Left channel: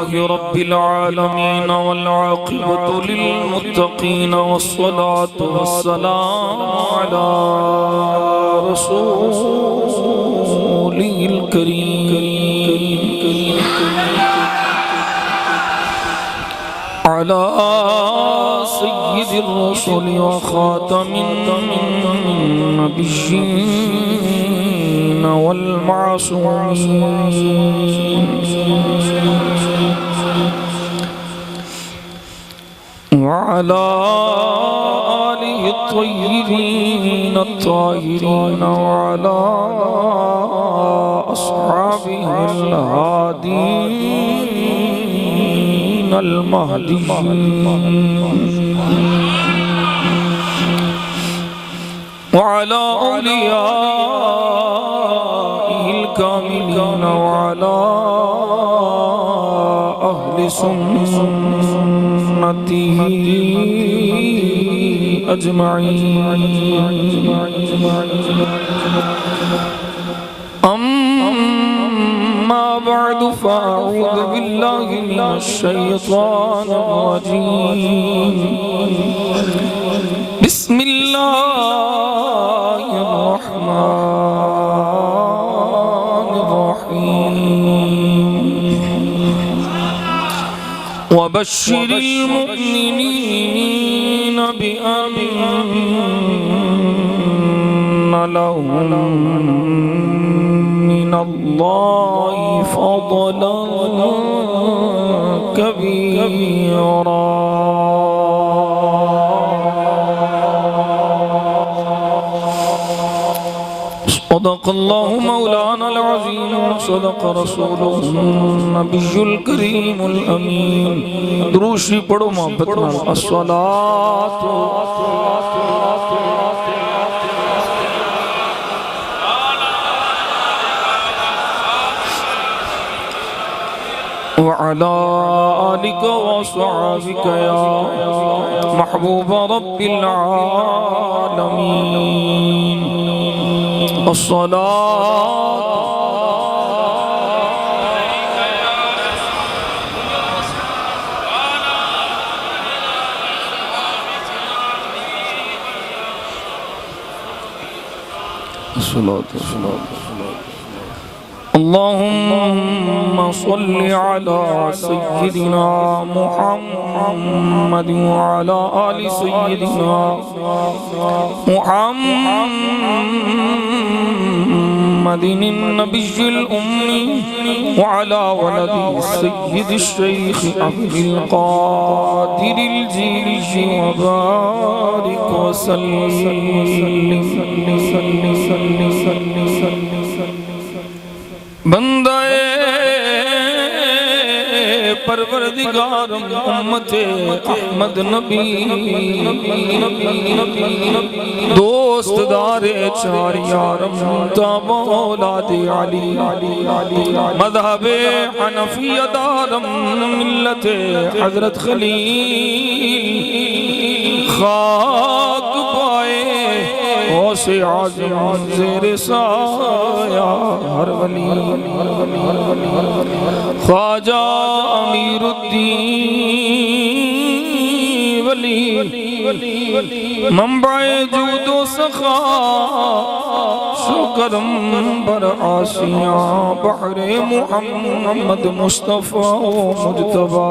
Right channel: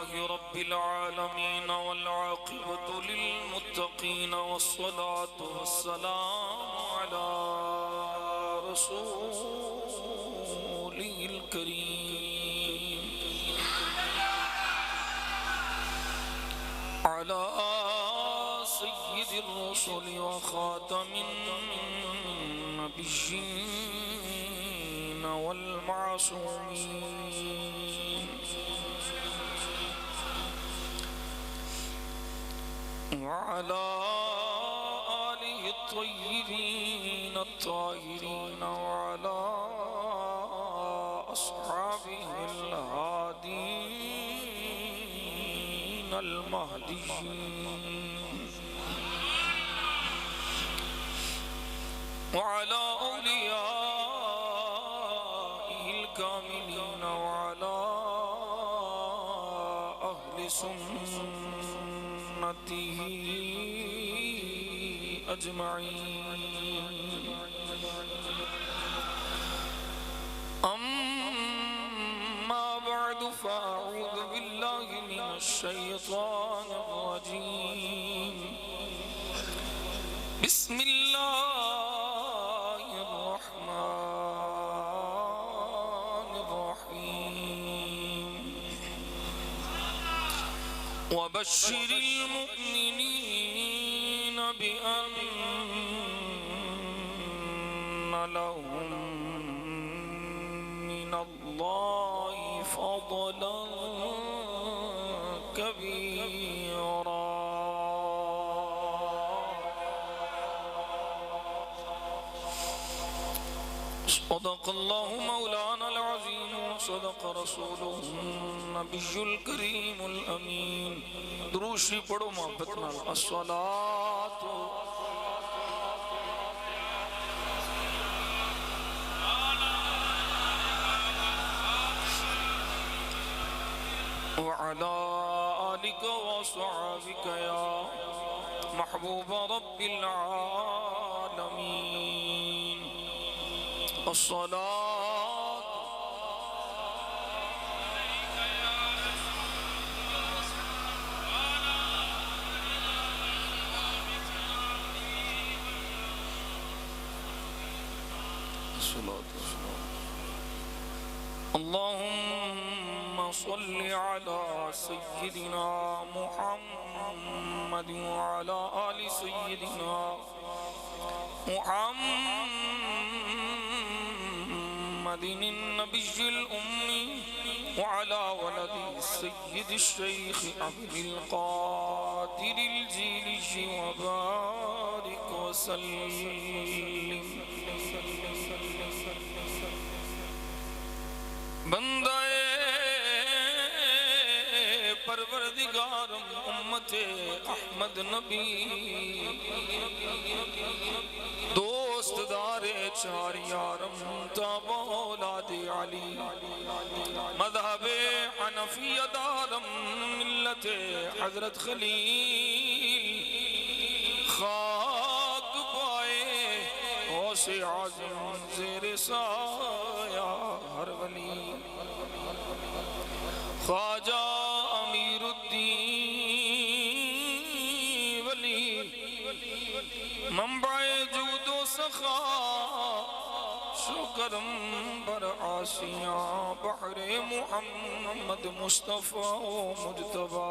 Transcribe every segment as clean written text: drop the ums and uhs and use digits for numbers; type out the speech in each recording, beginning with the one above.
लिल्लाहि रब्बिल आलमीन वल आक़िबतु लिल मुत्तक़ीन वस्सलातु वस्सलामु अला रसूलिल करीम अला सय्यिदिर रसूल व खातमिन नबिय्यीन वल मासूमीन व अला आलिहि त्वय्यिबीन अत्ताहिरीन व अला अस्हाबिहिल हादीन अल महदीयीन व अला औलियाइहिल कामिलीन व अला अहलि सुन्नतिही अजमईन। अम्मा बअद फ़अऊज़ु बिल्लाहि मिनश शैतानिर रजीम। बिस्मिल्लाहिर रहमानिर रहीम। वबश्शिरिल मुअमिनीन बिअन्न लहुम मिनल्लाहि फ़ज़लन कबीरा। सदक़ल्लाहु मौलाना अल-अज़ीम व सदक़ रसूलुहु नबियुल करीमुल अमीन। दुरूद पढ़ो मोहब्बत नाल। अस्सलातु व अला आलिका व अस्हाबिका या महबूब रब्बिल आलमीन। अल्लाहुम्मा सल्लि अला सय्यिदिना मुहम्मद व अला आलि सय्यिदिना मुहम्मदिन नबिय्यिल उम्मी व अला वलदि सय्यिदिश शैख़ अब्दुल क़ादिरिल जीली व बारिक व सल्लिम। बंदाए परवरदिगार उम्मते अहमद नबी दोस्तदारे चार यारम तब औलादे अली मज़हबे हनफिया दारम मिल्लते हज़रत खलील खाक पाए से आज़म ज़ेरे साया हर वली ख्वाजा अमीरुद्दीन वली मंबाए जूदो सखा शुक्रम बर आसिया बहरे मुहम्मद मुस्तफ़ा मुज्तबा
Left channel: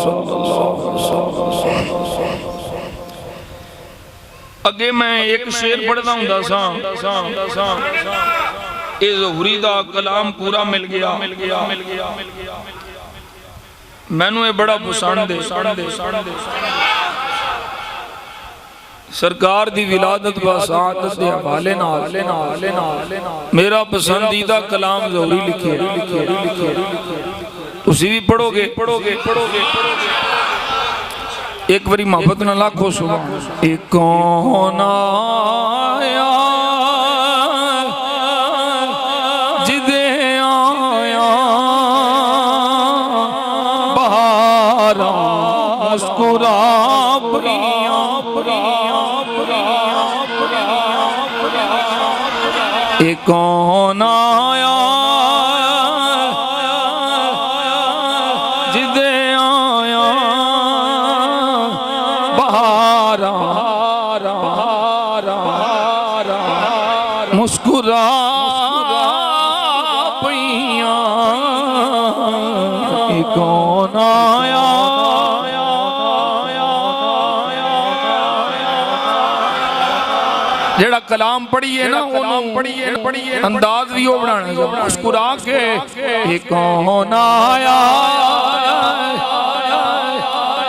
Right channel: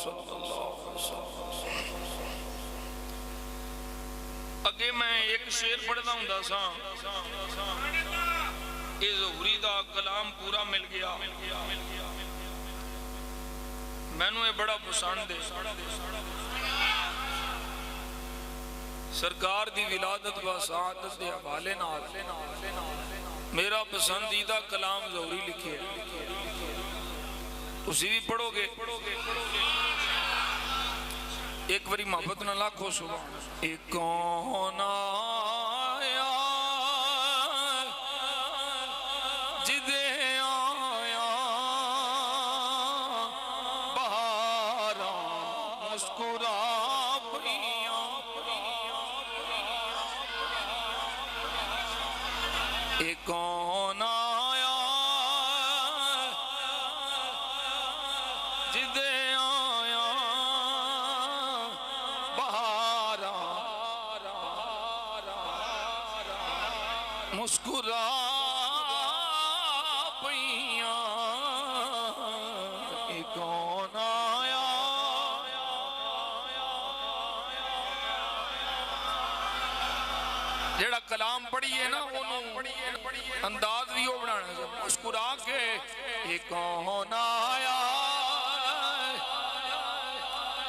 सल्लल्लाहु अलैहि वसल्लम। अगे मैं एक शेर पढ़दा हुंदा सा, इस ज़ुहरी दा कलाम पूरा मिल गया। मैनू ये बड़ा पसंद है। सरकार दी विलादत व सआदत दे हवाले नाल मेरा पसंदीदा कलाम ज़ुहरी लिखे। तुसी भी पढ़ोगे। एक बारी मोहब्बत न लाखो सुनो। एक कौन आया जिदे आया बहारा मुस्कुरा एक कौन आया जिदे आया बहारा मुस्कुरा पईया कौन आया जेड़ा कलाम पढ़िए ना पढ़िए अंदाज भी वो बनाना मुस्कुरा के ये कौन आया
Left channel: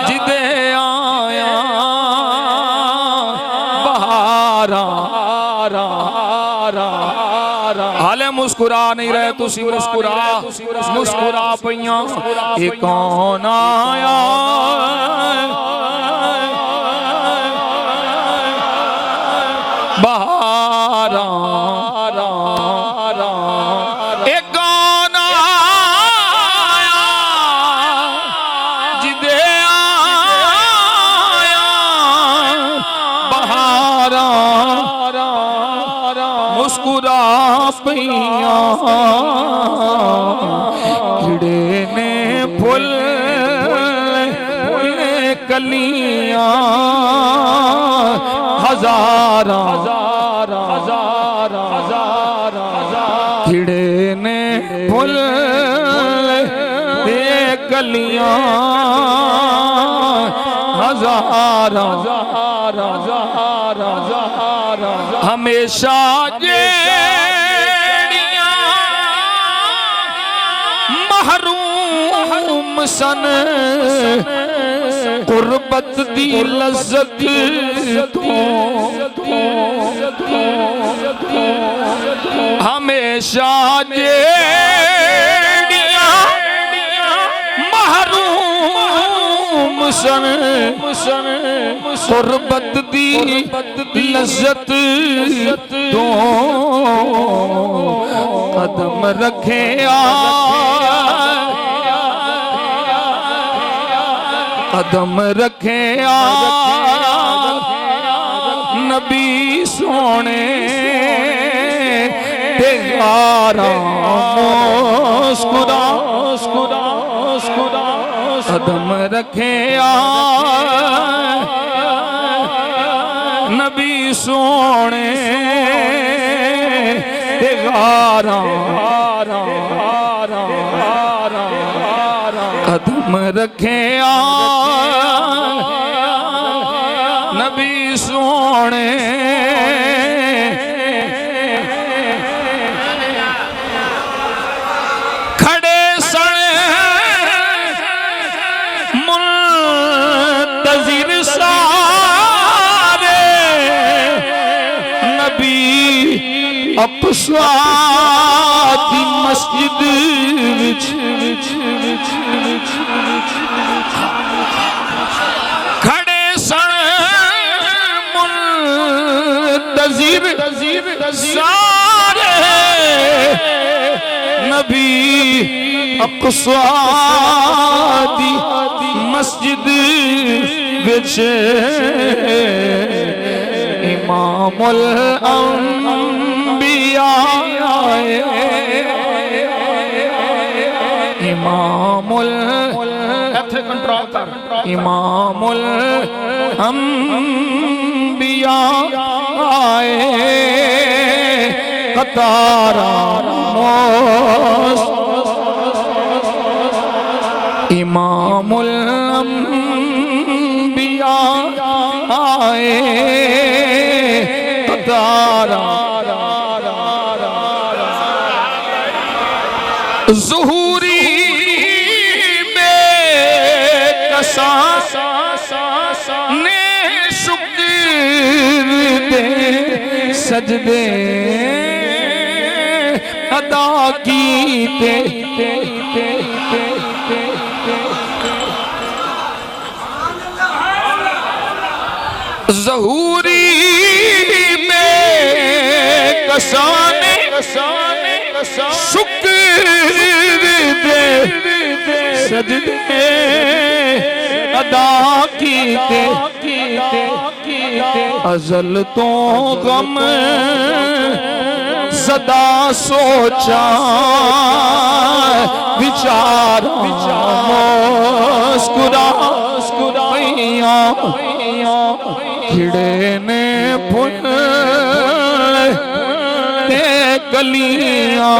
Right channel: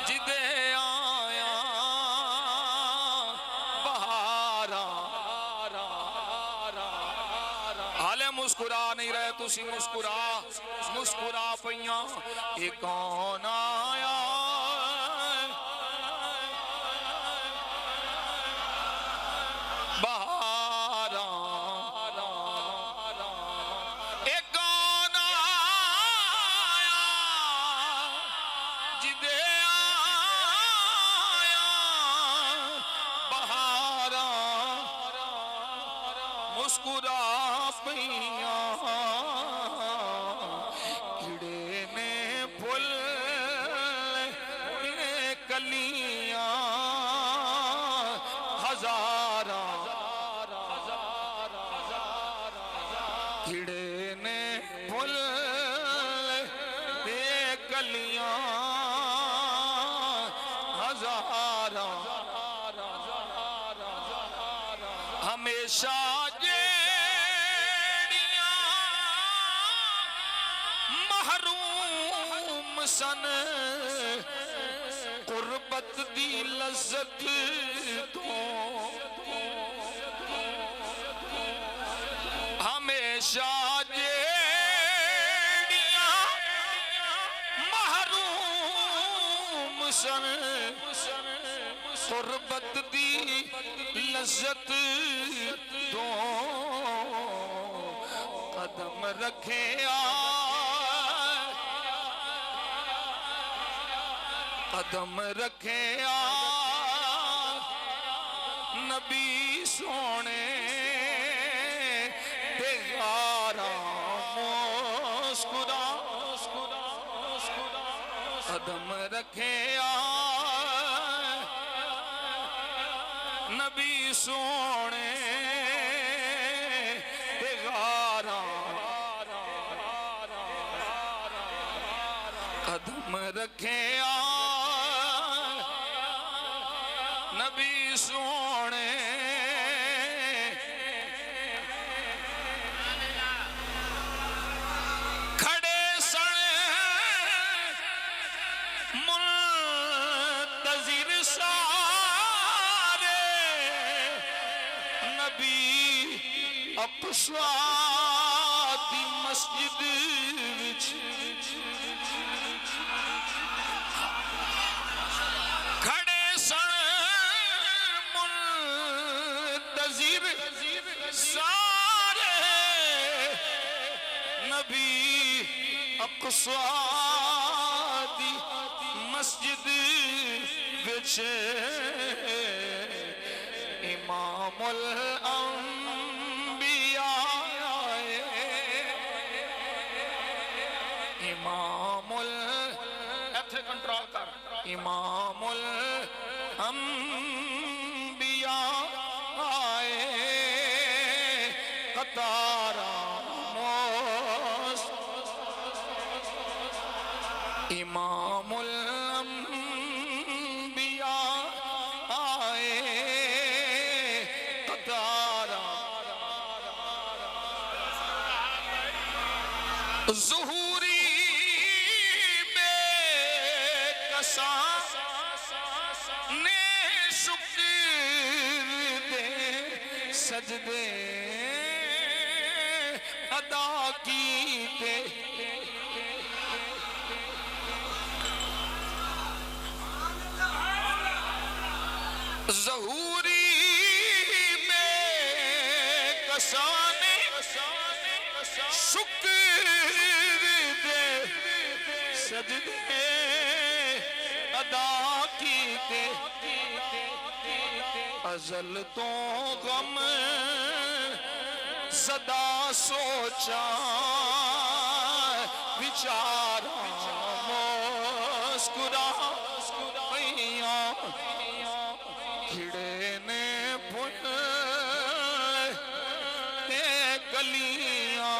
जिदे आया बहारा हाले मुस्कुरा नहीं रहे तुसी मुस्कुरा पईया ये कौन आया बहारा एक कौन आया जिदे आया बहारा मुस्कुरा पईया खिड़े ने फुल कलियां हजारा खिड़े ने फुल दे कलियां हजारा हमेशा जेड़ियां महरूम सन कुर्बत दी लज़्ज़त तो हमेशा जेड़ियां महरूम सन कुर्बत दी लज़्ज़त तो कदम रखे कदम रखे नबी सोने तेरा मुस्कुरा कदम रखे नबी सोने तेरा कदम रखे नबी सोने खड़े सने मुंतज़िर सारे नबी अपसा दी मस्जिद विच खड़े सन मुंतज़िर सारे नबी अक़सा दी मस्जिद विच इमामुल अंबिया इमामुल इमामुल अंबिया आए कतारा इमामुल अंबिया आए कतारा ज़ुहूरी बेकसा ने शुक्र दे सजदे अदा कीते ज़हूरी में कसाने शुक्र दे सजदे अदा कीते अज़ल तो गम सदा सोचा विचार खिड़े ने फुल ते कलियां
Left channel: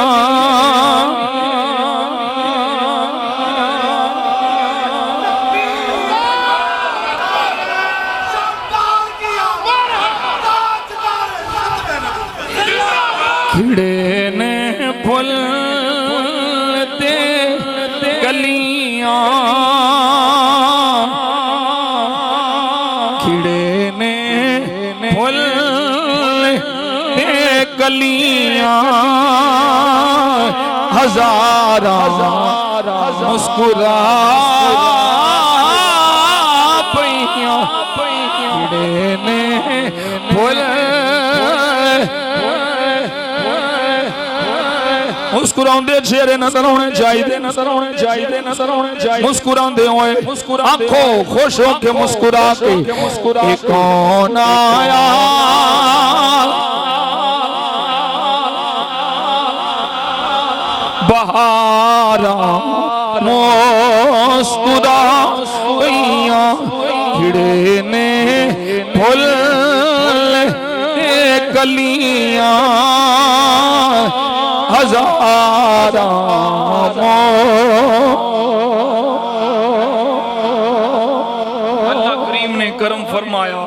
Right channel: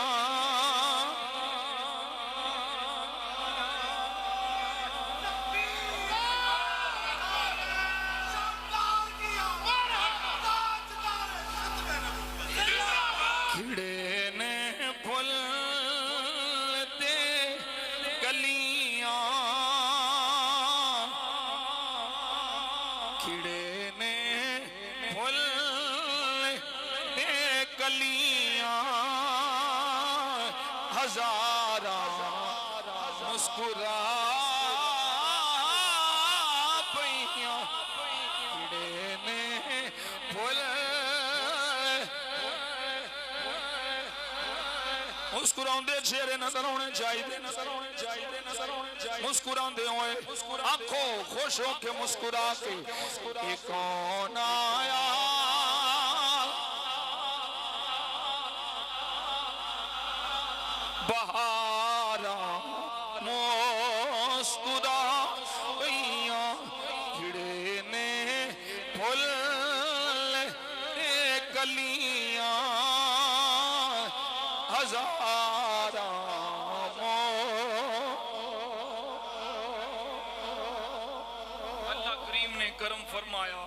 खिड़े ने फुल ते कलियां खिड़े ने फुल ते कलियां हजारा मुस्कुरा पैया खिड़े ने फुल मुस्कुराते चेहरे नजर आने चाहिए नजर आने चाहिए नजर आने चाहिए मुस्कुराते हुए आंखों खुश होके मुस्कुरा के कौन आया बहारा मुस्कुरा पैया खिड़े ने फुल कलियां हजारा अल्लाह करीम ने करम फरमाया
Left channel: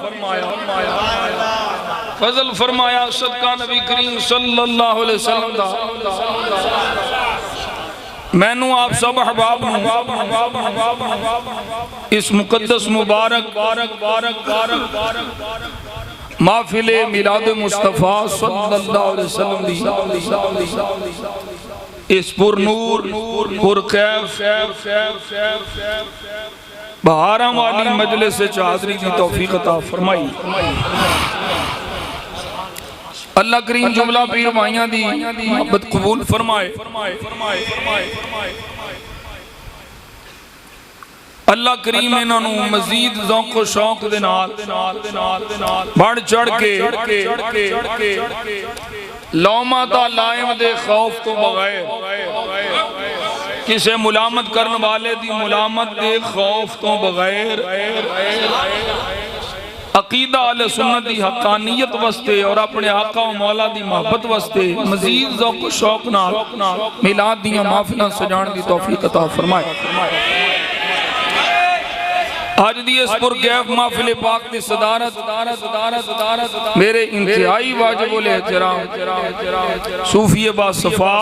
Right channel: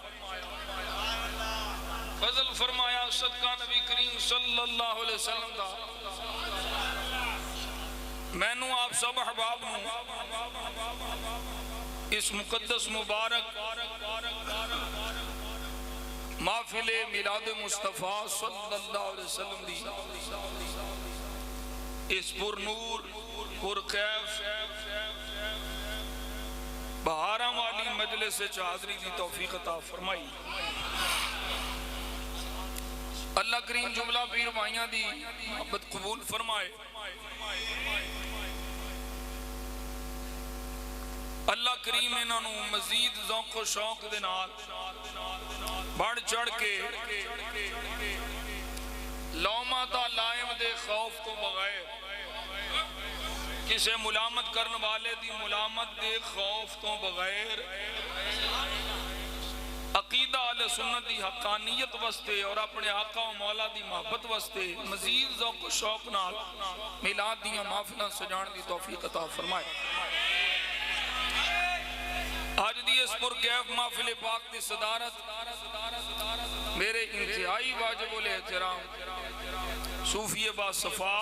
फजल फरमाया सदका नबी करीम सल्लल्लाहु अलैहि वसल्लम दा मैनू आप सब अहबाब इस मुकद्दस मुबारक महफिले मिलाद मुस्तफा सल्लल्लाहु अलैहि वसल्लम दी इस पुरनूर पुरकैफ बहारा वाली मजलिस हाज़री दी तौफीक अता फरमाई। अल्लाह करीम जुमला पीर भाइयां दी मोहब्बत कबूल फरमाए। अल्लाह करीम इन्हों मजीद ज़ौक़ व शौक दे नाल बढ़ चढ़ के लौमा ता लाइम दे खौफ तो बगैर किसे मुलामत करने वाले दी मुलामत दे खौफ तो बगैर अकीदा अहले सुन्नत दी हक्कानियत वस्ते और अपने आका व मौला दी मोहब्बत वस्ते मजीद ज़ौक़ व शौक नाल मिलाद दियां महफिलां सजाण दी तौफीक अता फरमाए। आज दी इस पुरकैफ महफिल पाक की सदारत मेरे इंतहाई वाजिबुल एहतराम सूफी बासफा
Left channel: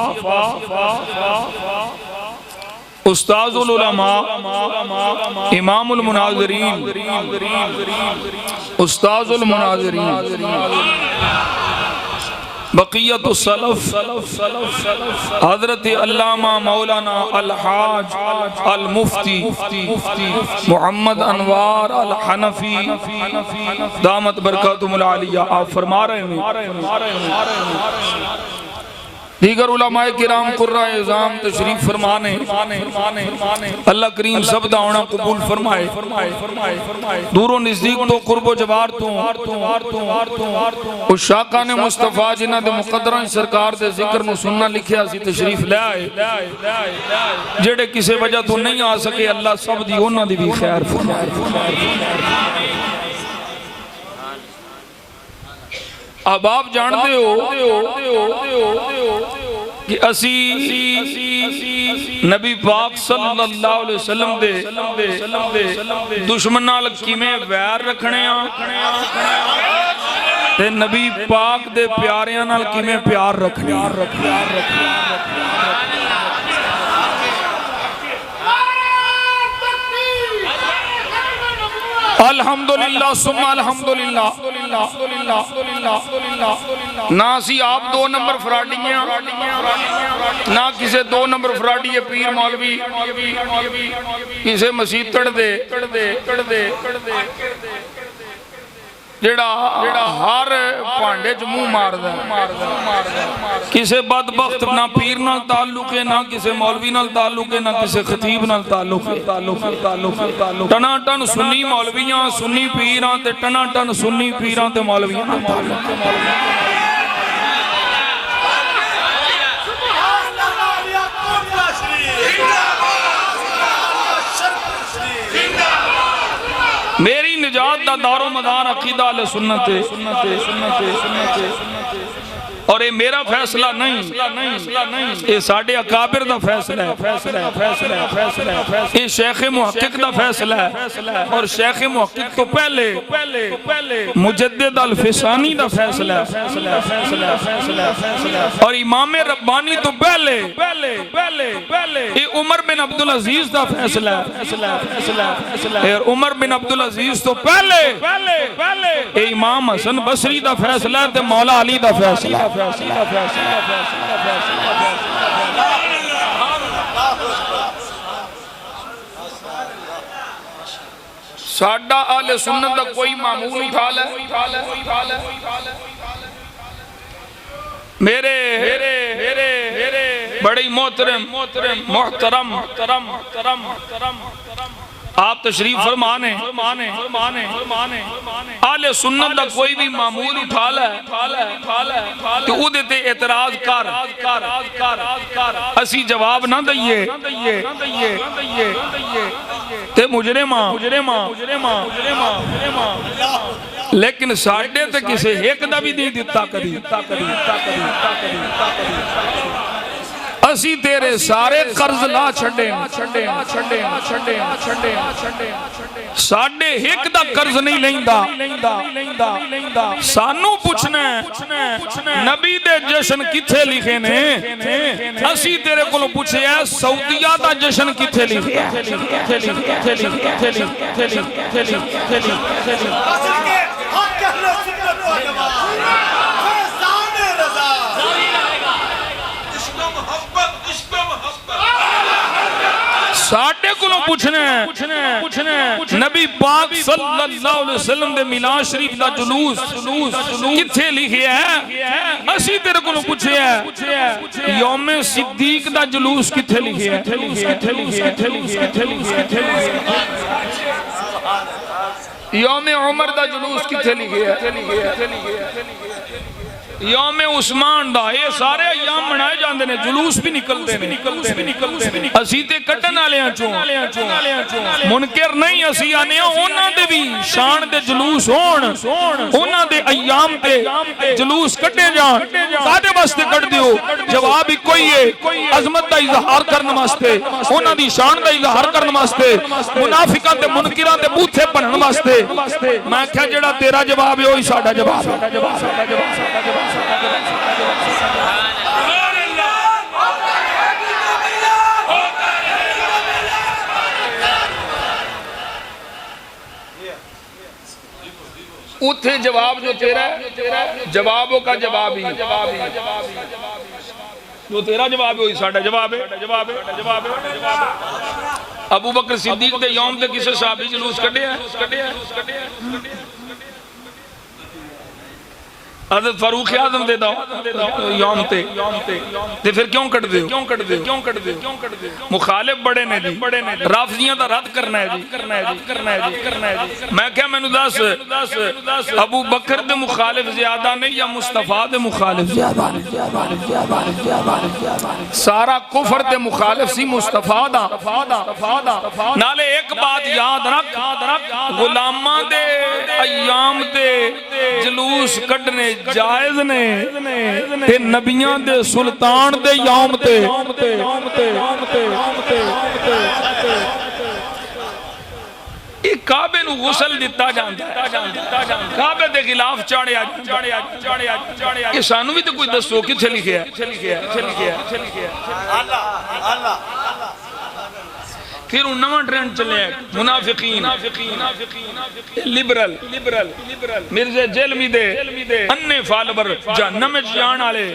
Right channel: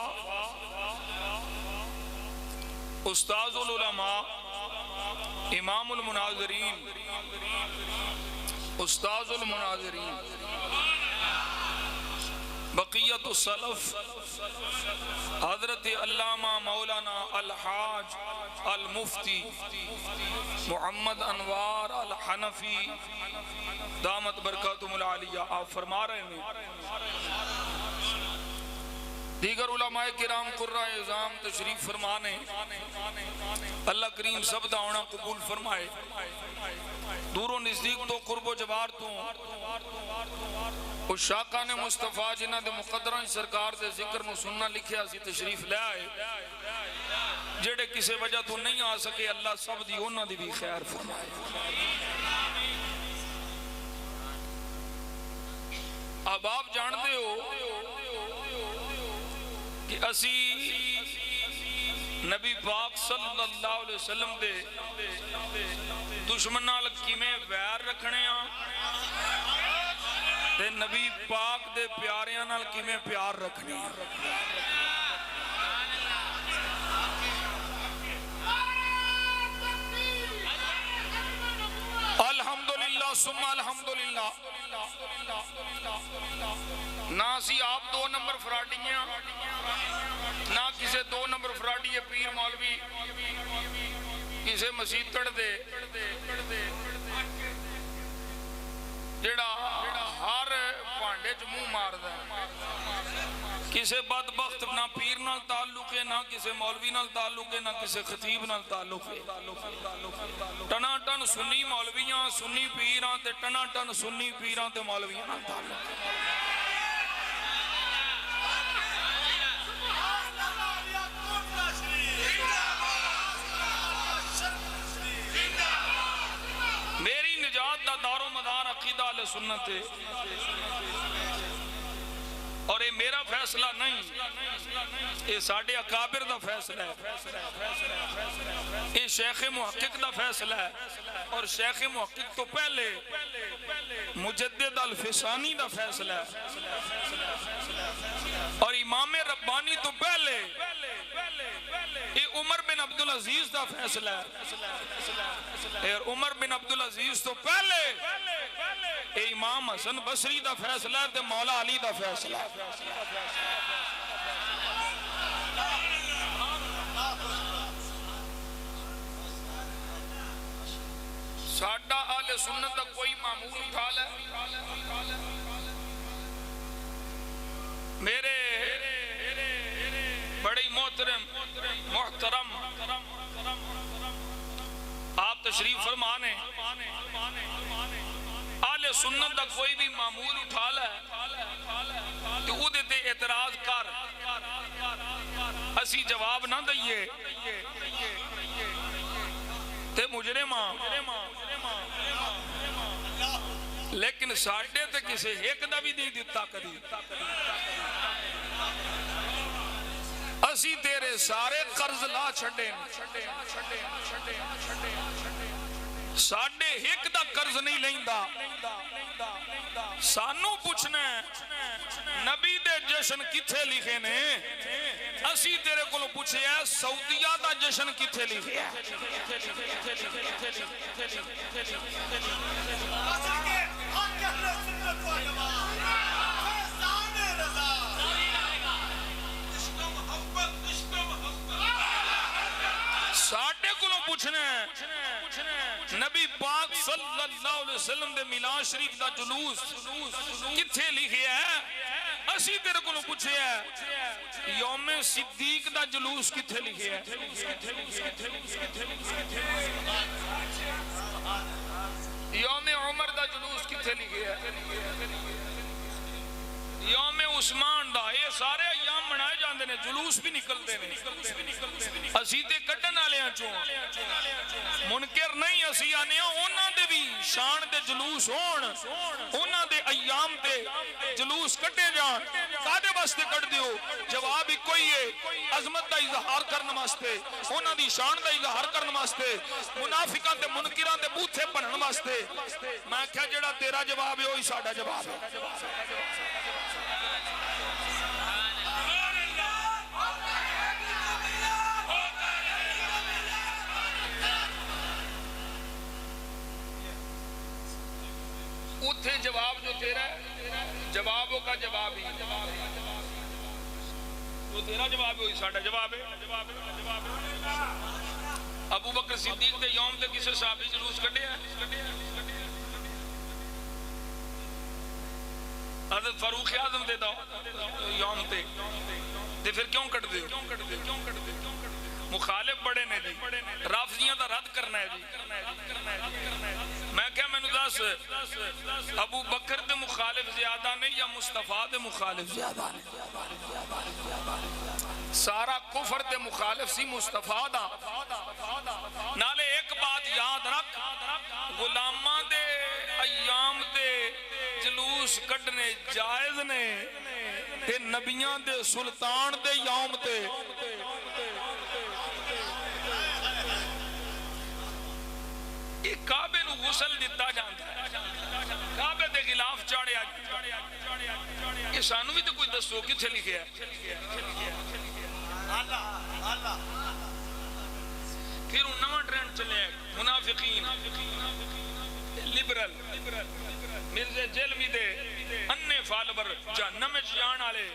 उस्ताजुल उलमा इमामुल मुनाज़िरीन उस्ताजुल मुनाज़िरीन बक़ियतुस सलफ हज़रत अल्लामा मौलाना अल-हाज अल-मुफ्ती मोहम्मद अनवार अल-हनफी दामत बरकातुहुल आलिया आप फरमा रहे हैं दीगर उलमाए किराम कुर्रा इज़ाम तशरीफ फरमाने अल्लाह करीम सब दा आना कबूल फरमाए। दूरों नजदीक तो कुर्बो जवार तो उस शाका ने मुस्तफा जिन्हां दे मुकद्दरां सरकार दे जिक्र नु सुनना लिखिया सी तशरीफ ले आए जेड़े किसी वजह तो नहीं आ सके अल्लाह सब दी उन्हां दी भी खैर फरमाए। अब आप जानते हो कि असी नबी पाक सल्लल्लाहु अलैहि वसल्लम दे दुश्मन नाल किवें वैर रखने ते नबी पाक दे प्यारियां नाल किवें प्यार रखने। अल्हम्दुलिल्लाह सुम्मा अल्हम्दुलिल्लाह ना सी आप 2 नंबर फराडियां ना किसे 2 नंबर फराडी पीर मौलवी किसे मसीतड़ दे जेड़ा हर भांडे च मुंह मारदा किसे बदबख्त ना पीर नाल ताल्लुक है ना किसे मौलवी नाल ताल्लुक है ना किसे खतीब नाल ताल्लुक है। टना टन सुन्नी मौलवियां सुन्नी पीरां ते टना टन सुन्नी पीरां ते मौलवियां नाल ताल्लुक। मेरी निजात दा दारो मदार अकीदा अहले सुन्नत और ये मेरा फैसला नहीं, ये साडे अकाबिर दा फैसला है, ये शेख मुहक्किक दा फैसला है और शेख मुहक्किक तो पहले मुजद्दिद अल फिसानी दा फैसला है और इमाम रब्बानी तो पहले ये उमर बिन अब्दुल अजीज दा फैसला है और उमर बिन अब्दुल अजीज तो पहले ये इमाम हसन बसरी दा फैसला है ते मौला अली दा फैसला है। साडा आले सुन्नत दा कोई मामूल उठा ले, मेरे बड़ी मोहतरम आप तशरीफ फरमाने आले सुन्नत दा कोई भी मामूल उठा ले तो उहदे ते एतराज कर असी जवाब ना दईए ते मुजरिमा लेकिन साडे ते किसे एक दा भी नहीं दिता कदी। असी तेरे सारे कर्ज ला छड़े साडे एक दा कर्ज नहीं लेंदा। सानू पूछना नबी दे जश्न किथे लिखे ने, असी तेरे कोलों पूछया सऊदिया दा जश्न किथे लिखे साडे कोलों पूछने नबी पाक सल्लल्लाहु अलैहि वसल्लम दे मिलाद शरीफ दा जुलूस किथे लिखिया है। असी तेरे कोलों पूछया यौम सिद्दीक दा जुलूस किथे लिखिया है। यौम उमर दा जुलूस किथे लिखिया है। यौम उस्मान दा ये सारे अयाम मनाए जाते हैं, जुलूस भी निकलते हैं। असी ते कट्टन वालियां चों मुनकर नहीं, असी आने उन्हां दे भी शान दे जुलूस होण, उन्हां दे अयाम ते जुलूस कट्टे जाण। कादे वास्ते कट दियो? जवाब इक्को ही है, अजमत दा इजहार करने वास्ते, उन्हां दी शान दा इजहार करने वास्ते, मुनाफिकां ते मुनकिरां दे बूथे भरन वास्ते। मैं क्या जेड़ा तेरा जवाब है वही साडा जवाब है। उथे जवाब जो तेरा जवाबों का जवाब ही, जो तेरा जवाब है वही साडा जवाब है। अबू बकर सिद्दीक दे यौम ते किसे सहाबी जुलूस कढ़िया हज़रत फारूक आज़म दे दो यौम ते फिर क्यों कट दे? मुखालिफ बड़े ने जी, राफजियां दा रद्द करना है जी। मैं क्या मैनू दस अबू बकर दे मुखालिफ ज्यादा नहीं या मुस्तफा दे मुखालिफ ज्यादा? सारा कुफर दे मुखालिफ सी मुस्तफा दा। नाले एक बात याद रख, गुलामां दे अयाम दे जुलूस कढ़ने जायज ने ते नबियां दे सुल्तान दे यौम ते काबे नू गुसल दिता जांदा, काबे दे खिलाफ चाड़िया। ये सानू भी तो कोई दसो किथे लिखिया फिर नवा ट्रेंड चले मुनाफिकीन लिबरल मिर्जे जेलमी दे अन्ने फालवर जहन्नम में जान वाले।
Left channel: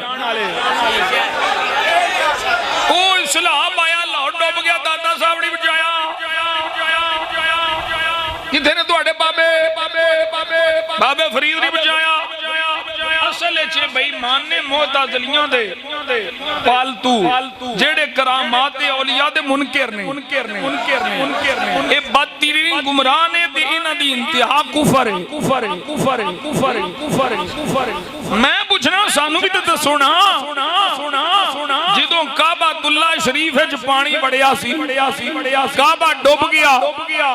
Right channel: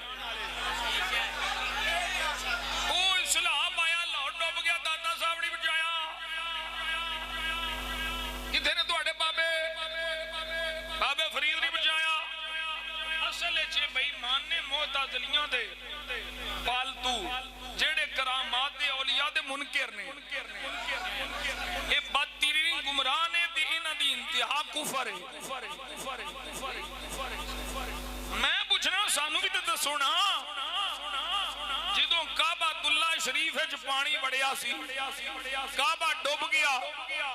ओ इस्लाम आया लाहौर डूब गया, दादा साहब ने बचाया। किथे ने तुहाडे बाबे फरीद ने बचाया। असल च बेईमान ने मोहताजलियां दे पालतू जेड़े करामात दे औलिया दे मुनकर ने ए बदतरीन गुमराह ने ते इन्हां दी इंतहा कुफर है। मैं पूछना सानू भी तो दसो ना, ਜਦੋਂ ਕਾਬਾਤੁੱਲਾ ਸ਼ਰੀਫ ਵਿੱਚ ਪਾਣੀ ਵੜਿਆ ਸੀ ਕਾਬਾ ਡੁੱਬ ਗਿਆ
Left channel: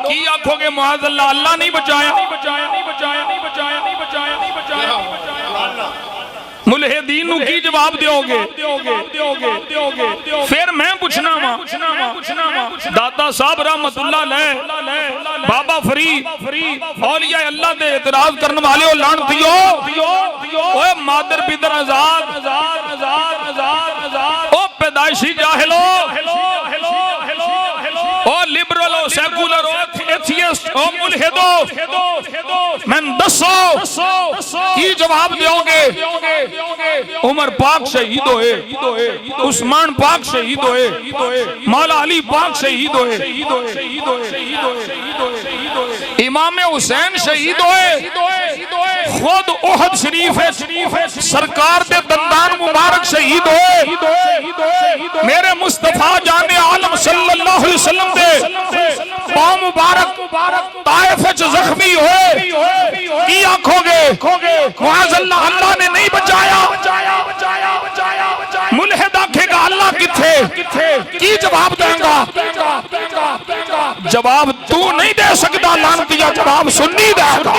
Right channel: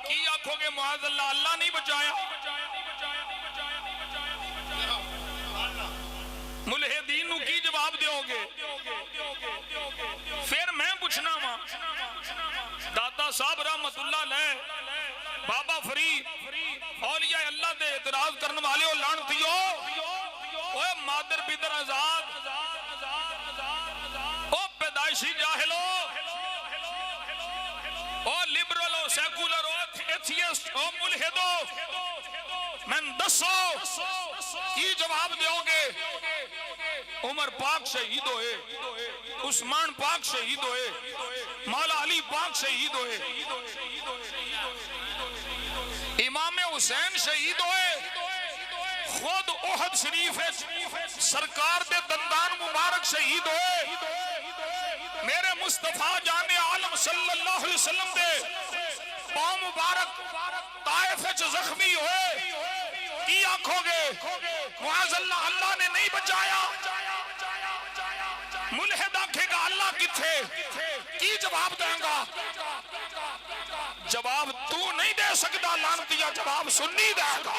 ਕੀ ਆਖੋਗੇ ਮੁਆਜ਼ ਅੱਲਾ अल्लाह नहीं बचाया मुलहिदीन नूं की जवाब दोगे फिर मैं पूछना वा दाता साहब रहमतुल्लाह अलैह बाबा फरीद औलिया अल्लाह दे इतराज करने वाले हो लानतियो ओए मादर बिदर आजाद ओ पैदाइशी जाहिलो ओ लिबरल ओ सेकुलर ओ एथियस्ट ओ मुल्हिदो मैं दसो की जवाब दोगे उमर पाक शहीद होए उस्मान पाक शहीद होए मौला अली पाक शहीद होए इमाम हुसैन शहीद होए खुद ओहद शरीफ है सरकार दे दंदान मुबारक शहीद होए मेरे मुस्तफा जाने आलम सल्लल्लाहु अलैहि वसल्लम दे पांव मुबारक ताइफ विच जख्मी होए की आखोगे मुआज़ अल्लाह अल्लाह ने नहीं बचाया मुल्हिद आखेगा अल्लाह किथे की जवाब देगा जवाब तू नहीं दे सकता लानतिया जवाब सुन्नी देगा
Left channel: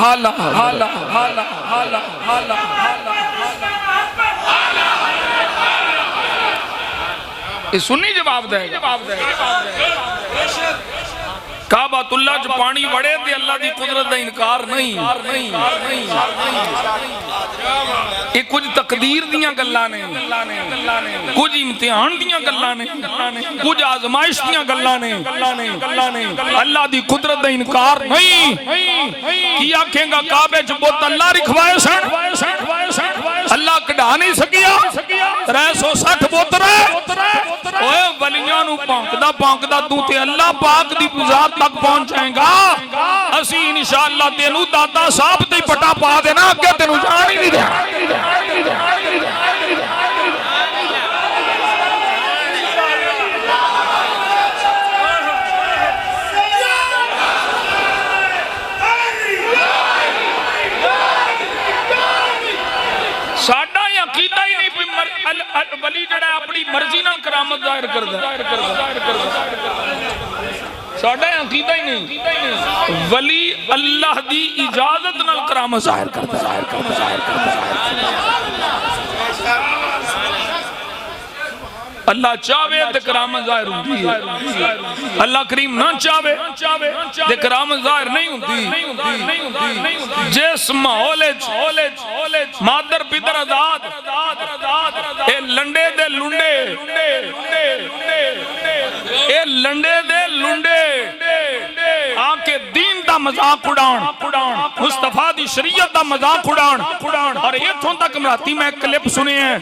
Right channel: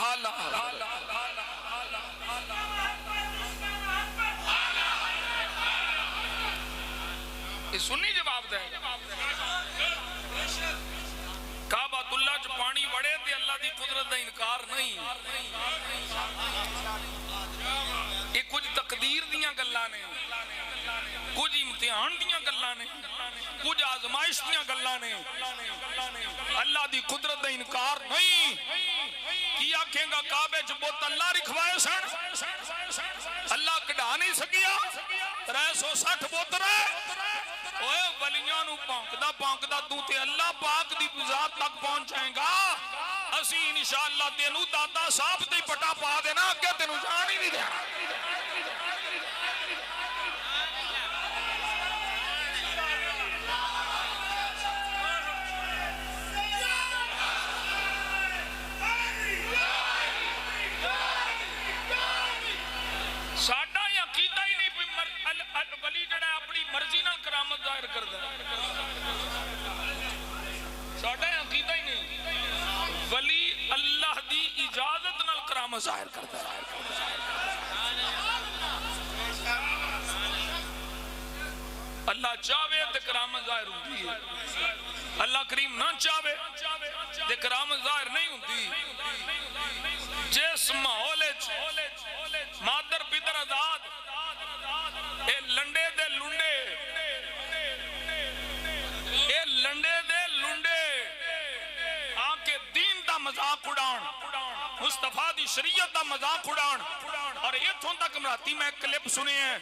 हाला हाला हाला हाला हाला ये सुन्नी जवाब दे काबातुल्ला च पानी वड़े ते अल्लाह दी कुदरत दा इनकार नहीं ये कुछ तकदीर दियां गल्लां ने कुछ इम्तिहान दियां गल्लां ने कुछ आजमाइश दियां गल्लां ने अल्लाह दी कुदरत दा इनकार नहीं की आखेगा काबे च बुत अल्लाह रखवाए सन अल्लाह कढ़ा नहीं सकिया 360 बुत ओए वलियां नू भौंकदा तू ते अल्लाह पाक दी ज़ात तक पहुंचाएगा असी इंशाअल्लाह तेनू दाता साहब ते पटा पा देना अगे तेनू जान ही नहीं देना साडा अकीदा ही नहीं वली जड़ा अपनी मर्जी नाल करामत जाहिर करदा साडा अकीदा ही नहीं वली अल्लाह दी इजाजत नाल करामत जाहिर करदा अल्लाह चाहे ते करामत जाहिर हुंदी है अल्लाह करीम ना चाहे ते करामत जाहिर नहीं हुंदी जिस माहौल मादर पितर आजाद ए लंडे दे लुंडे ए लंडे दे लुंडे आके दीन दा मजाक उड़ान मुस्तफा दी शरीयत दा मजाक उड़ान और इथों तक मराती मैं क्लिप सुने हैं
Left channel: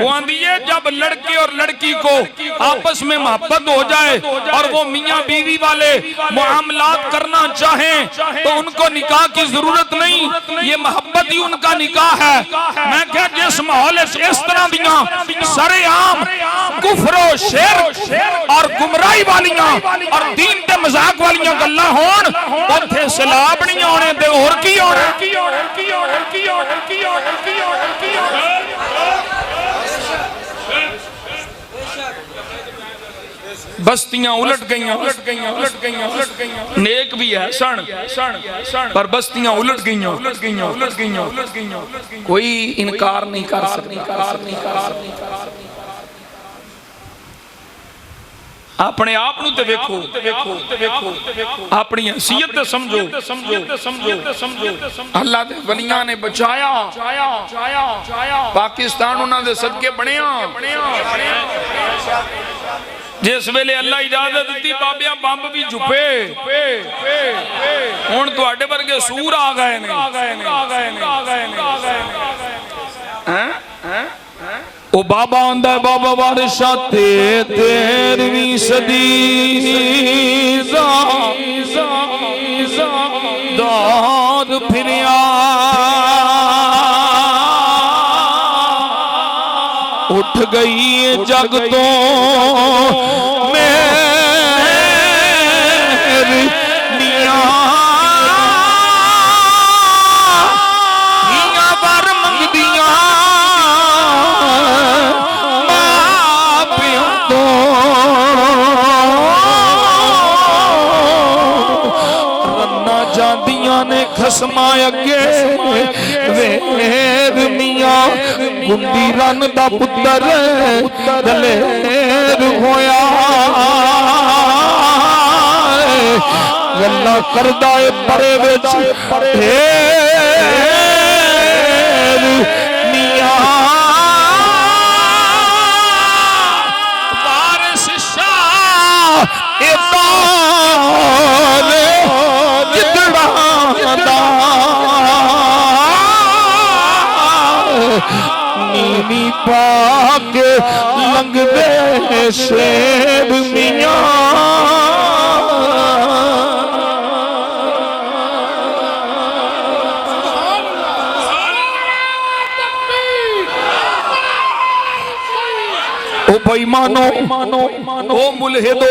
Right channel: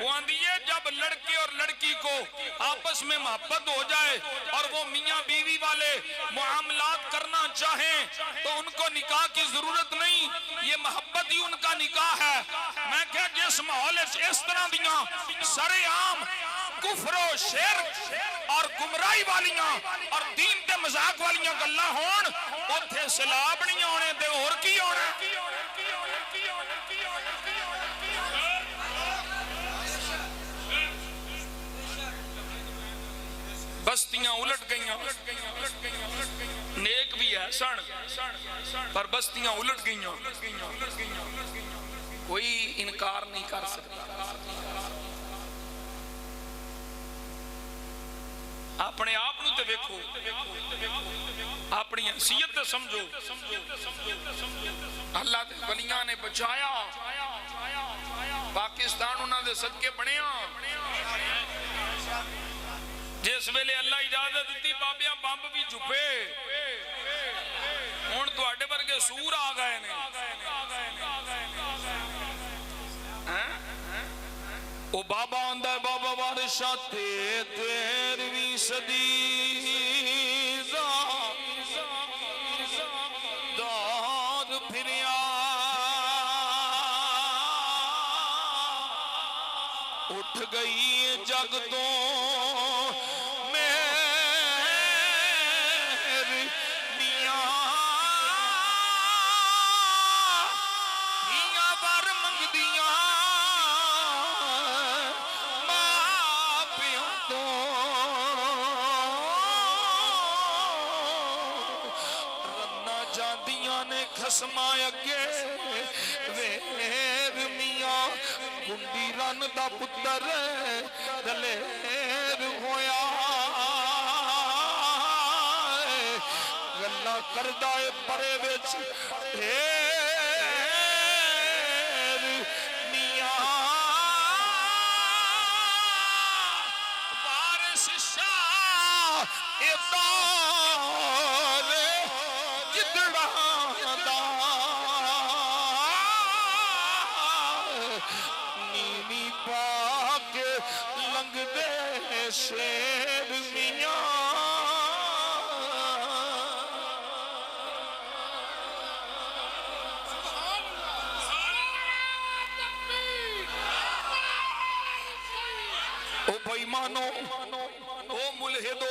वो आंदी है जब लड़के और लड़की को आपस में मोहब्बत हो जाए और वो मियां बीवी वाले मुआमलात करना चाहें तो उनको निकाह की जरूरत नहीं ये मोहब्बत ही उनका निकाह है मैं क्या जिस माहौल इस तरह दियां सरेआम कुफर शिरक और गुमराही वालियां और दीन ते मजाक वालियां गल्लां होण उत्थे सलाब नहीं आने ते होर की होना बस्तियां उलट गईयां नेक भी है सन पर बस्तियां उलट गईयां कोई इनकार नहीं कर सकता अपने आप नूं ते वेखो अपनी हैसियत ते समझो अल्लाह दे वलियां ने बचाया पाकिस्तान उन्हां दे सदके बनिया जिस वेले अल्लाह इजाजत दी बाबिया बंब भी झुपे हुण तुहाडे वर्गे सूर आ गए ने ओ बाबा आंदा बाबा बारिशा ते 13वीं सदी दाद फिरे उठ गई जग तो मेरी निया वर मंगदियां मां प्यो तो रन्ना जांदियां ने खसमा अगे वेद मियां गुंदी रन दा पुत्तर दलेर होया गल्ला करदा ए परे विच ढेर मियां वारिस शाह ए ताले जिदड़ा दा नीनी पाक लंघदे शेर मियां ओ भाई मानो ओ मुलहिदो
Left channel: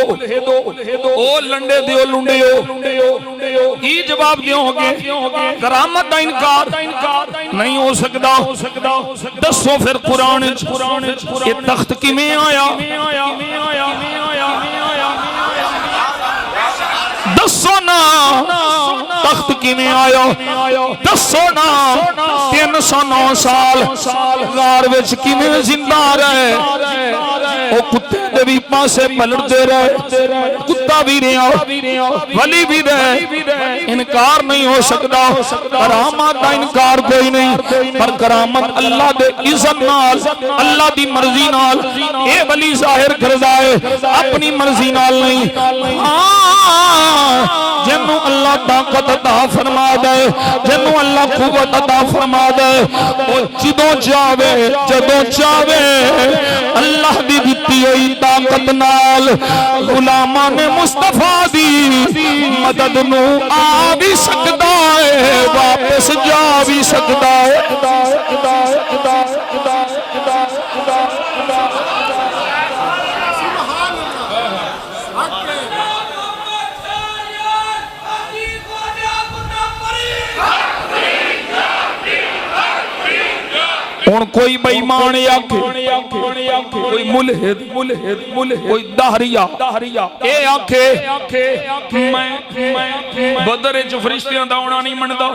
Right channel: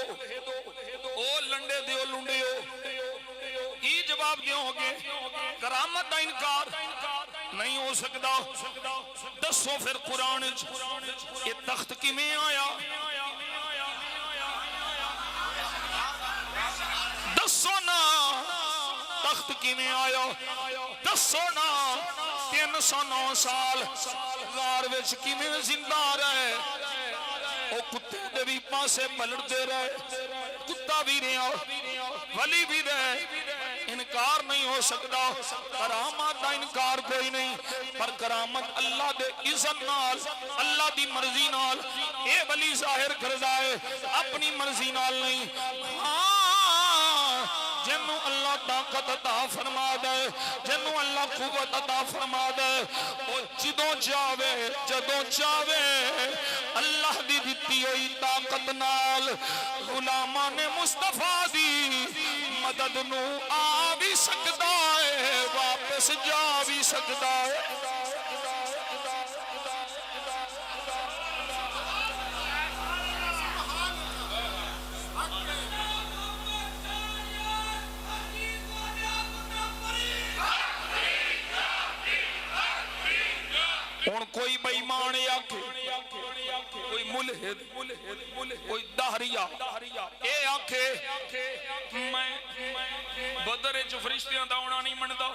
ओ लंडे दियो लुंडियो ई जवाब दोगे करामत का इनकार नहीं हो सकता दसो फिर कुरान ये तख्त किवें आया दसो ना तख्त किवें आया दसो ना 309 साल गार विच किवें जिंदा रहे ओ कुत्ते दे भी पासे पलटते रहे कुत्ता भी रहा वली भी रहे इनकार नहीं हो सकता करामत का इनकार कोई नहीं पर करामत अल्लाह दे इज़्ज़त नाल अल्लाह दी मर्जी नाल ए वली जाहिर करदा है अपनी मर्जी नाल नहीं जिन्नू अल्लाह ताकत अता फरमा दे जिन्नू अल्लाह कुव्वत अता फरमा दे ओ जदों चाहे अल्लाह दी दित्ती हुई ताकत नाल गुलामां ने मुस्तफा दी मदद नू आ भी सकदा है वापस जा भी सकदा है हुण कोई बेईमान कोई मुलहिद कोई दाहरिया ए आखे मैं बदर च फरिश्तियां दा आना नहीं मनदा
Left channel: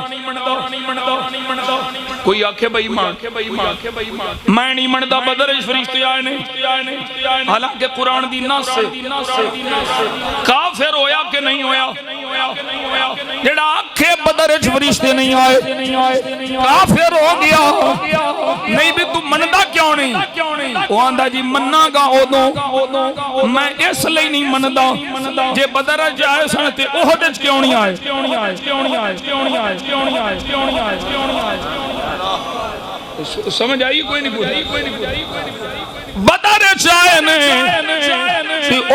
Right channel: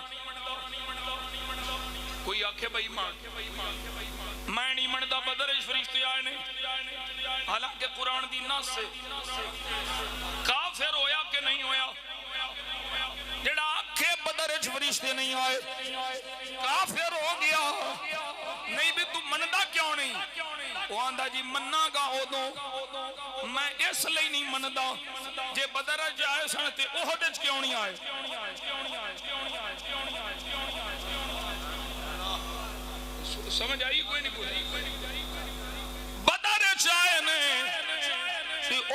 कोई आखे बेईमान मैं नहीं मनदा बदर च फरिश्ते आए ने हालांकि कुरान दी नस काफिर होया कि नहीं होया जेड़ा आखे बदर च फरिश्ते नहीं आए काफिर हो गया नहीं भी तू मनदा क्यों नहीं वो आंदा जी मन्नागा उदों मैं इसलिए नहीं मनदा जे बदर च आए सन ते ओहद च क्यों नहीं आए समझ आई कोई नहीं बदर च आए ने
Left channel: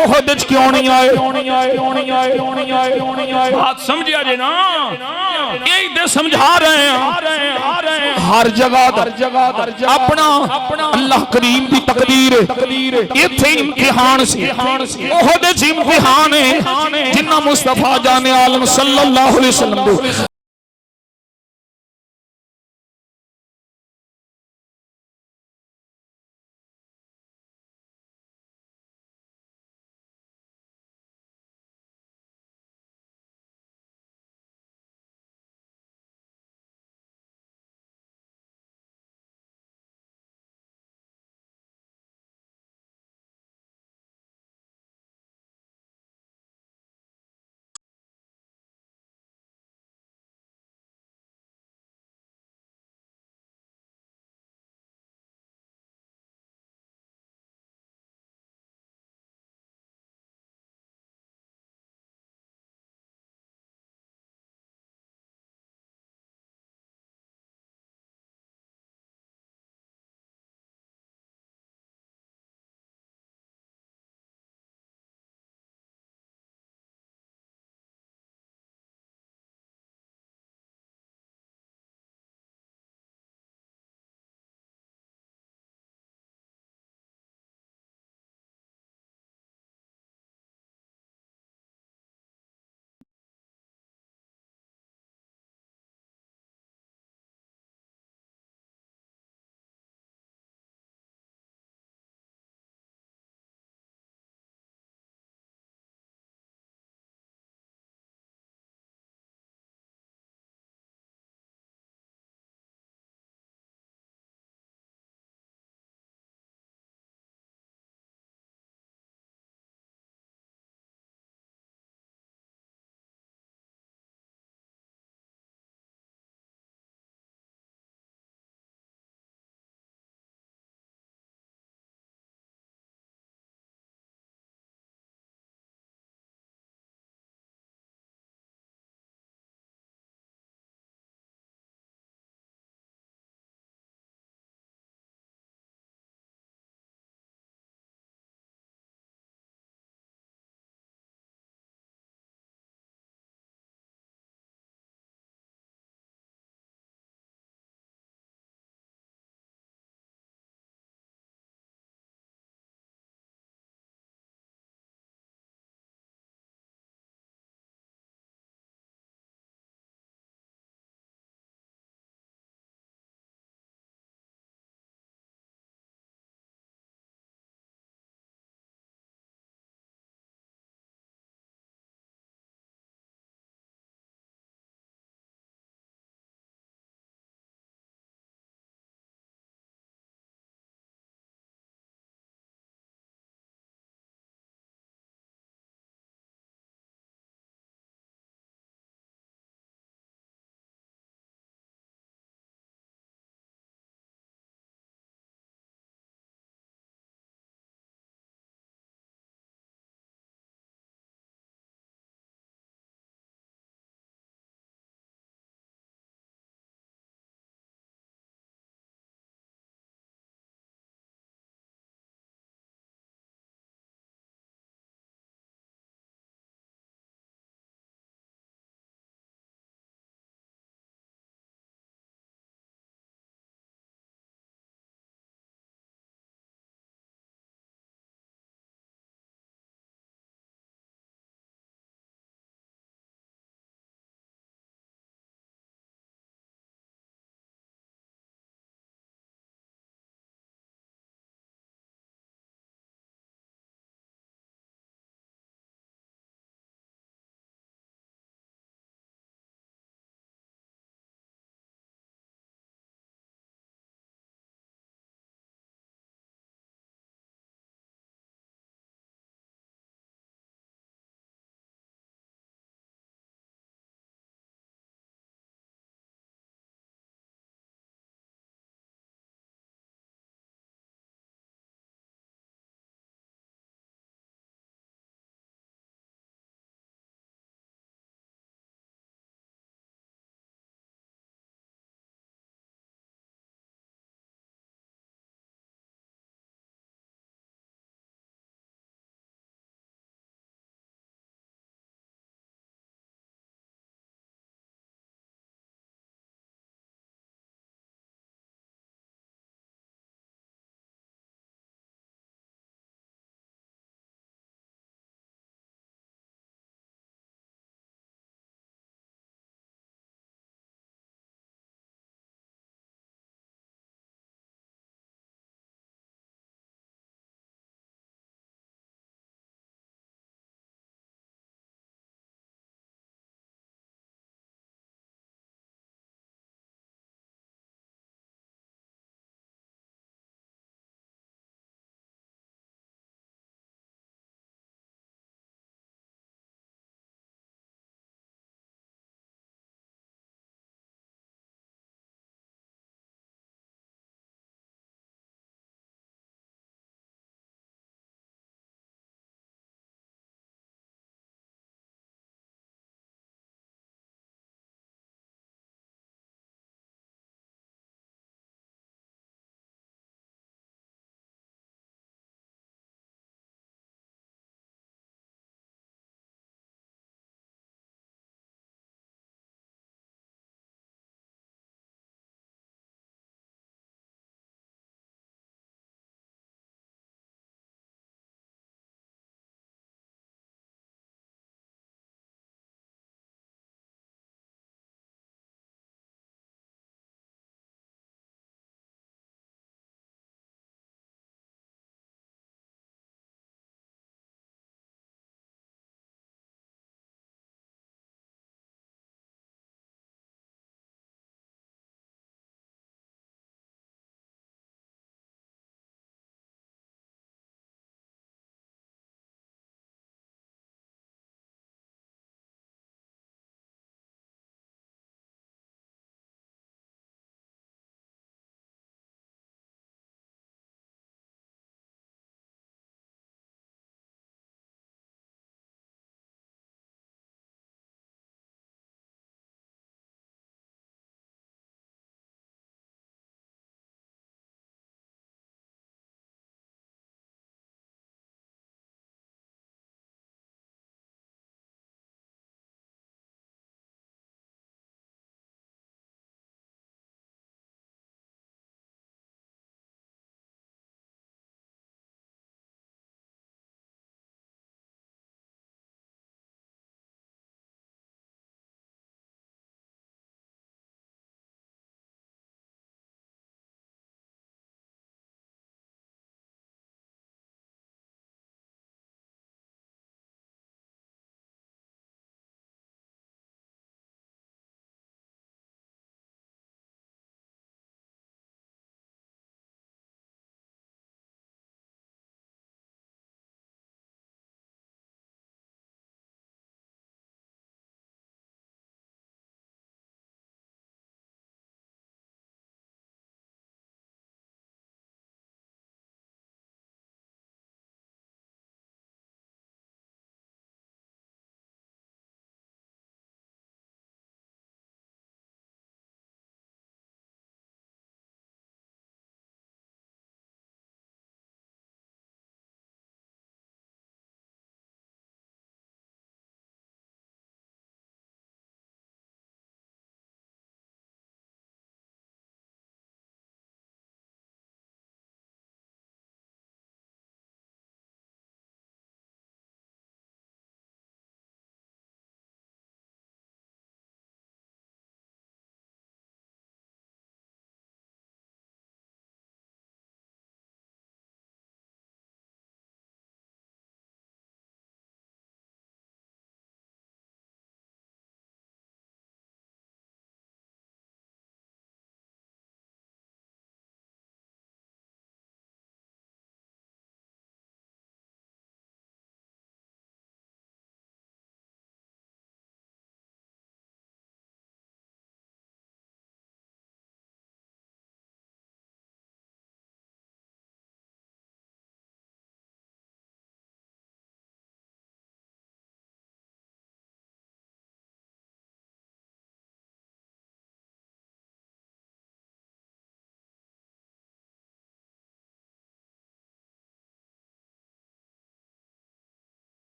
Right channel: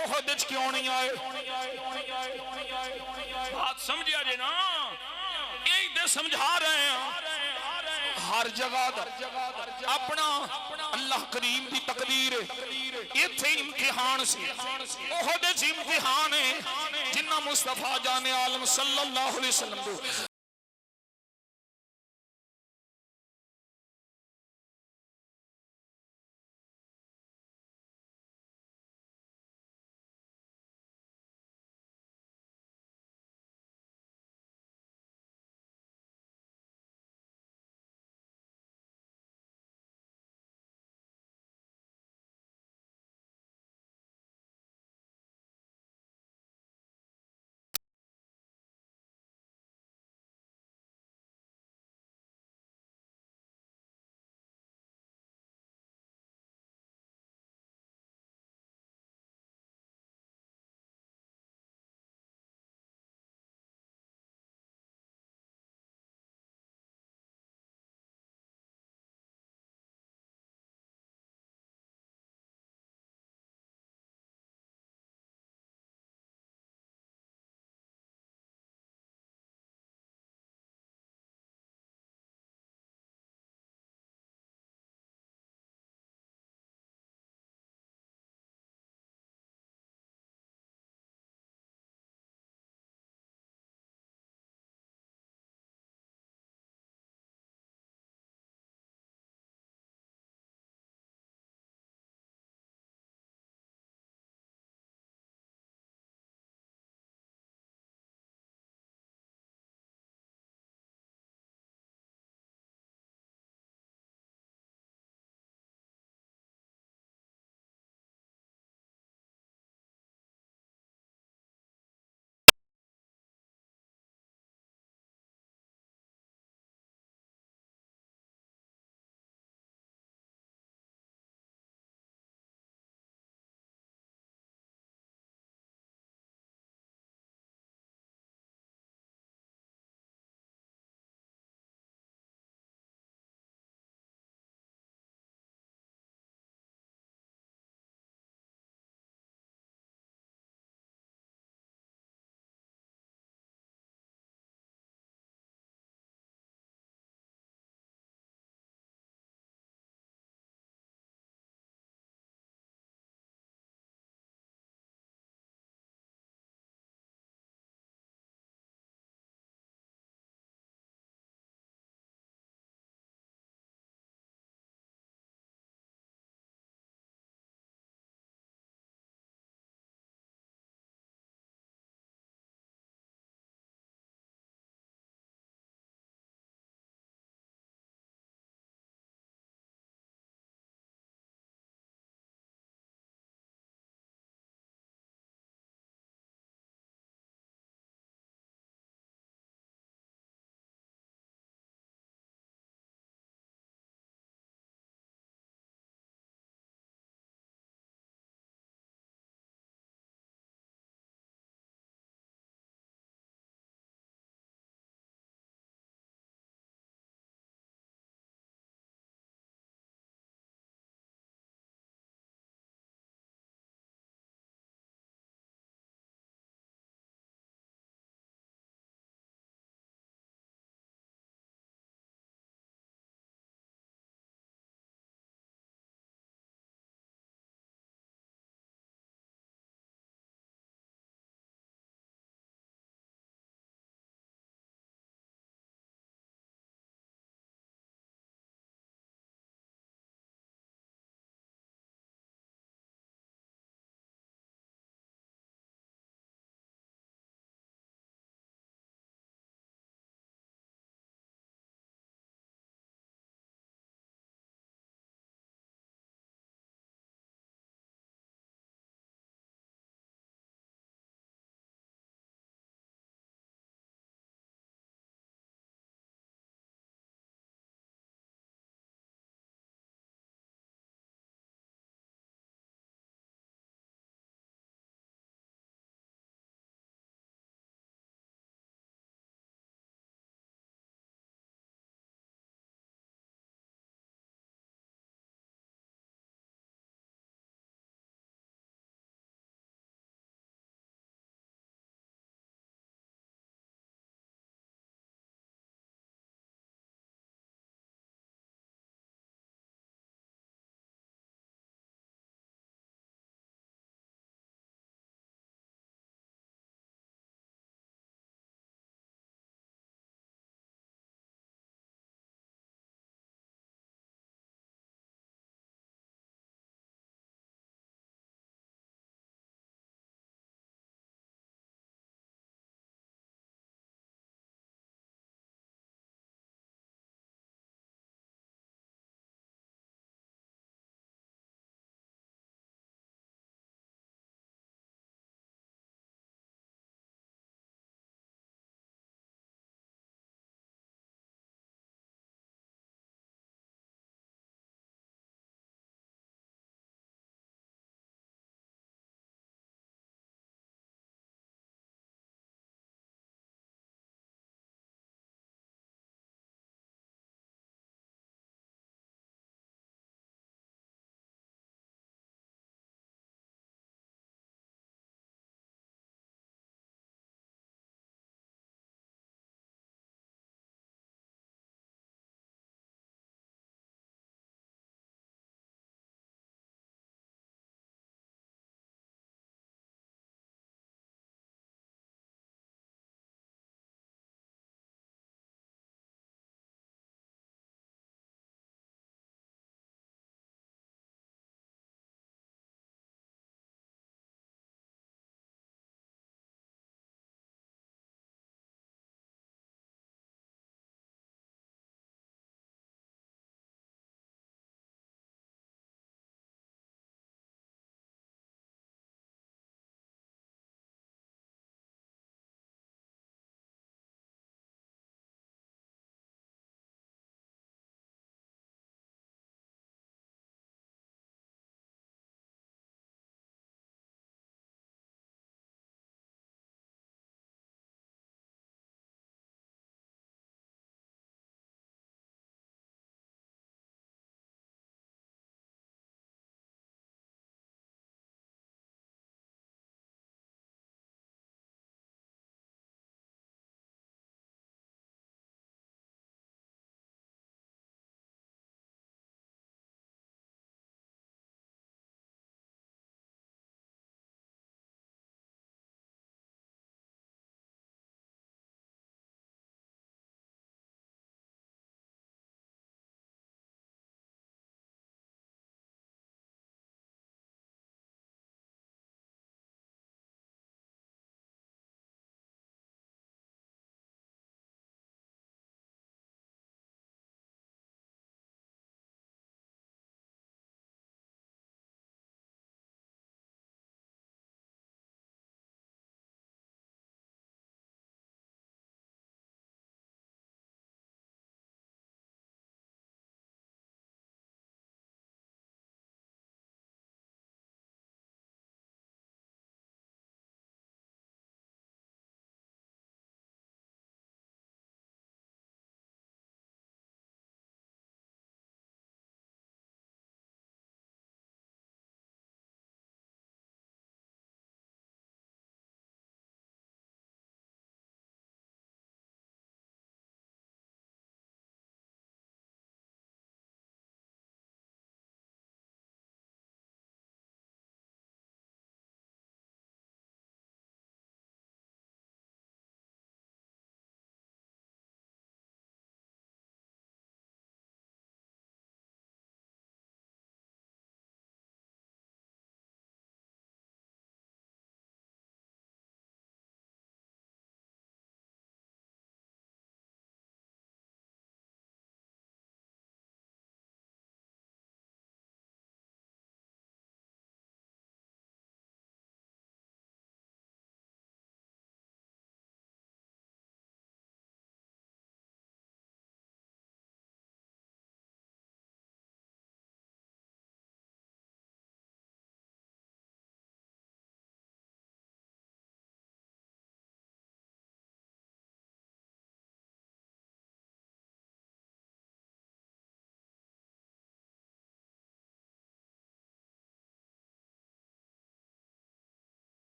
ओहद च क्यों नहीं आए बात समझिया जे ना यही दे समझा रहे हैं हर जगह अपना अल्लाह करीम की तकदीर इत्थे इम्तिहान सी ओहदे च इम्तिहान है जिन्ना मुस्तफा जाने आलम सल्लल्लाहु अलैहि वसल्लम